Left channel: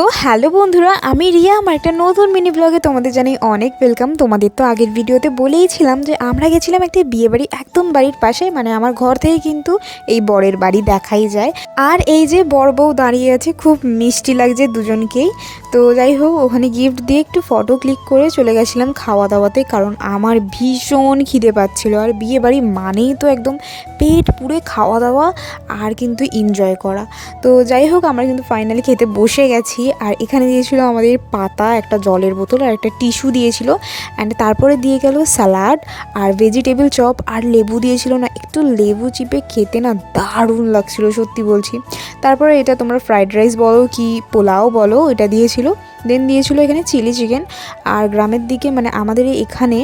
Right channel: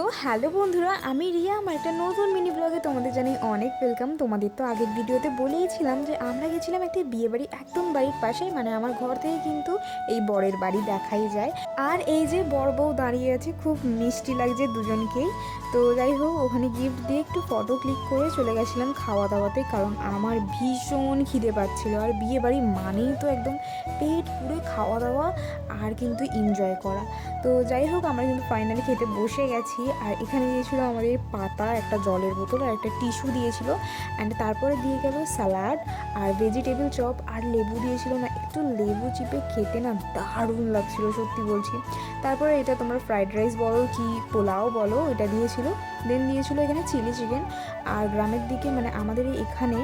তো হ্যালো বন্ধুরা, আমি রিয়া। আমার একটা নতুন মিনি ব্লগে তোমাদের জানাই অনেক ওয়েলকাম। তোমাদের তো আগের ভিডিওতে বলেইছিলাম যে আমরা গেছিলাম একটি বিয়ে বাড়ি, একদম বাড়ির পাশে, মানে আমার ঘর থেকে কিন্তু এই বরের বাড়ি দেখাই যায়। আর এই যে বর বউ দাঁড়িয়ে আছে, খুব মিষ্টি লাগছে দুজনকেই। তো যাই হোক, ওখানে গিফট দিয়ে একটু ফটো ক্লিক করে চলে গেছিলাম খাওয়া দাওয়াতে, কারণ আমার ভীষণ খিদে পাচ্ছিল। আর বিয়ে বাড়ি মানেই তো একদম পেট পুরে খাওয়া দাওয়া আর কিন্তু এনজয় করা। তো যাই হোক, আমরা কিন্তু ফাইনালি খেতে বসে গেছি। আর এখানে দিয়েছিল আমাদের পাতা, একটা জলের বোতল আর একটা টিস্যু দিয়েছিল। অ্যান্ড তারপরে দিয়ে গেল স্যালাড আর ভেজিটেবল চপ আর লেবু দিয়েছিল। না, একটু লেবু চিপে খেতে না দারুণ লাগছিল, সত্যি বলছি। তারপরে এটা তোমরা ফ্রাইড রাইস বলো কি পোলাও বলো, এটা দিয়েছিল। দেন দিয়েছিল এখানে চিলি চিকেন। আর গ্রামের দিকে, মানে আমাদের এখানে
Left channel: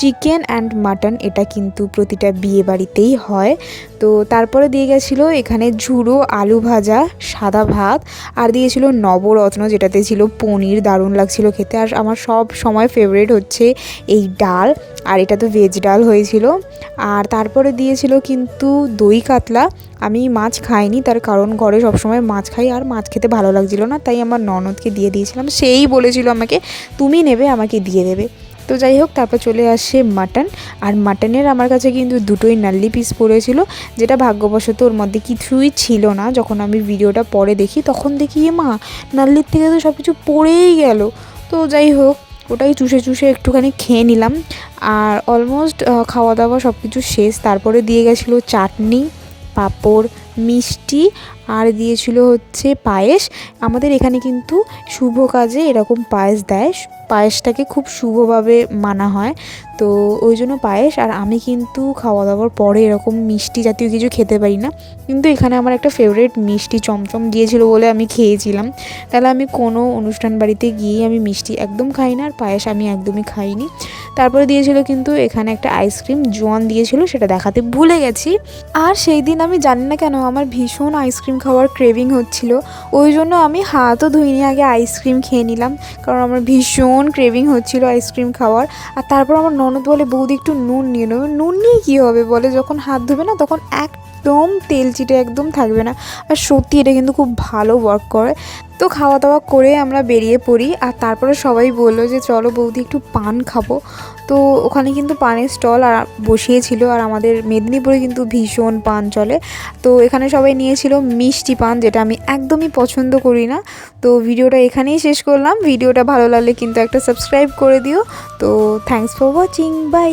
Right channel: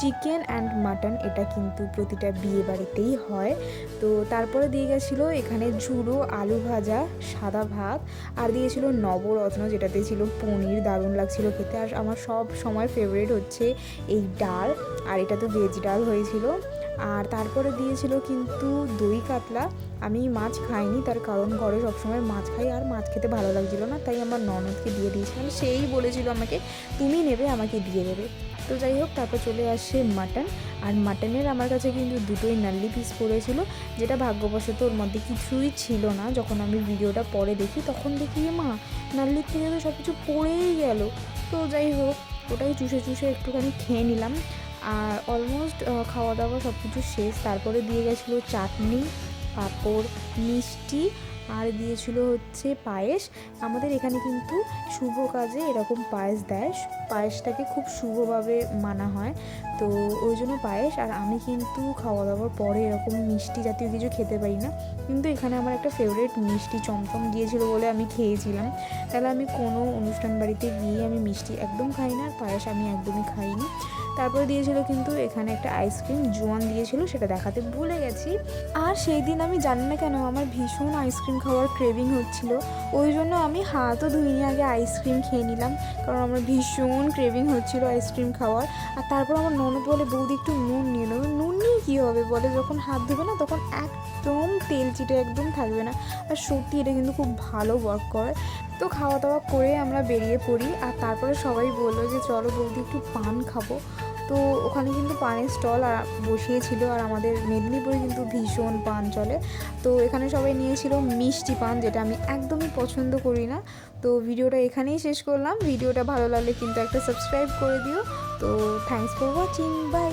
চিকেন অ্যান্ড মাটন এটা কিন্তু প্রতিটা বিয়ে বাড়িতেই হয়। তো তারপরে দিয়ে গেছিলো এখানে ঝুড়ো আলু ভাজা, সাদা ভাত, আর দিয়েছিল নবরত্ন যেটাতে ছিল পনির, দারুণ লাগছিল খেতে। আর আমার সব সময় ফেভারিট হচ্ছে এই ডাল, আর এটা তো ভেজ ডাল হয়েছিল। আর তারপরে দিয়েছিল কিন্তু দই কাতলা। আমি মাছ খাইনি, তার কারণ ঘরে সবসময় মাছ খাই, আর মাছ খেতে ভালো লাগছিল না, তাই আমার ননদকে দিয়ে দিয়েছিলাম। সেই বলেছিল আমাকে, তুমি নেবে, আমাকে দিয়ে দেবে। তো যাই হোক, তারপর চলে আসে মাটন। আর মাটনের আমার কাছে কিন্তু দুটোই নাল্লি পিস পড়েছিল, যেটা ভাগ্যবশত ওর মধ্যে কিছুই ছিল না। যখন আমি ভিডিওটা পরে দেখি, তখন দেখি মা নাল্লির থেকে তো সব কিছু পড়েই গেল। তো যাই হোক, ওটাই চুষে চুষে একটুখানি খেয়ে নিলাম। আর অলমোস্ট খাওয়া দাওয়া সব কিছু শেষ। তারপরে দিয়ে গেছিলো চাটনি, পাঁপড়, মিষ্টি, আর দিয়েছিল হচ্ছে পায়েস। আমাদের এখানে কিন্তু শুভ কাজে এরকম পায়েস দেয়, পায়েসটাকে খুব শুভভাবে মানা হয়। তো ওই জন্য পায়েস। আর আমি কিন্তু খাওয়া দাওয়ার পরে এরকম মিষ্টি জাতীয় কিছু খেতে পারি না, কিন্তু এখানে আমার একটা ফেভারিট মিষ্টি চমচম দিয়েছিল বলে আমি খেয়েছিলাম। তাহলে আমি কোনো অনুষ্ঠান বাড়িতে গিয়ে আমি মিষ্টি একদম খাই না, আর পায়েস আমি একদমই খাইনি। তারপরে দিয়েছিল কিন্তু এখানে একটা আইসক্রিম, জোয়ান দিয়েছিল, সেটা দেখাতে ভুলে গেছি। আর সেই দিন আমি জানি না কেন আমার ভীষণ আইসক্রিম খাওয়ার ক্রেভিং হচ্ছিল, ওই জন্য আমি হাতও ধুইনি, আগে আইসক্রিম খেয়ে নিলাম, কারণ আমার ভীষণ ক্রেভিং হচ্ছিল আইসক্রিম খাওয়ার। আর তারপর আমার ননদ বলে, বৌদি একটু নুন নিয়ে নেবে। নুন নিয়ে কী হবে বলে, যখন হাত ধোবে না তখন একদম তেল চিটে একদম থাকবে না। আর সত্যি এটা কিন্তু খুব ভালো ওয়ার্ক করে। তো খাওয়া দাওয়া করে আমরা বেরিয়ে পড়ি। আর তারপরে সবাই বললো যে চলো বৌদি একটু পান খাবো। তো ওখানে কিন্তু পানের স্টল আর বসিয়েছিল। আর আমাদের মেদিনীপুরে কিন্তু ভীষণ পান চলে। তো এখানে সবাই নিয়েছিল মিষ্টি পান, যেটা আমি একদমই পছন্দ করি না। তো ভিডিওটা এখানেই শেষ করলাম। ভিডিওটা ভালো লাগলে কিন্তু একটা সাবস্ক্রাইব করে দিও। তো থ্যাঙ্কস ফর ওয়াচিং, বাই।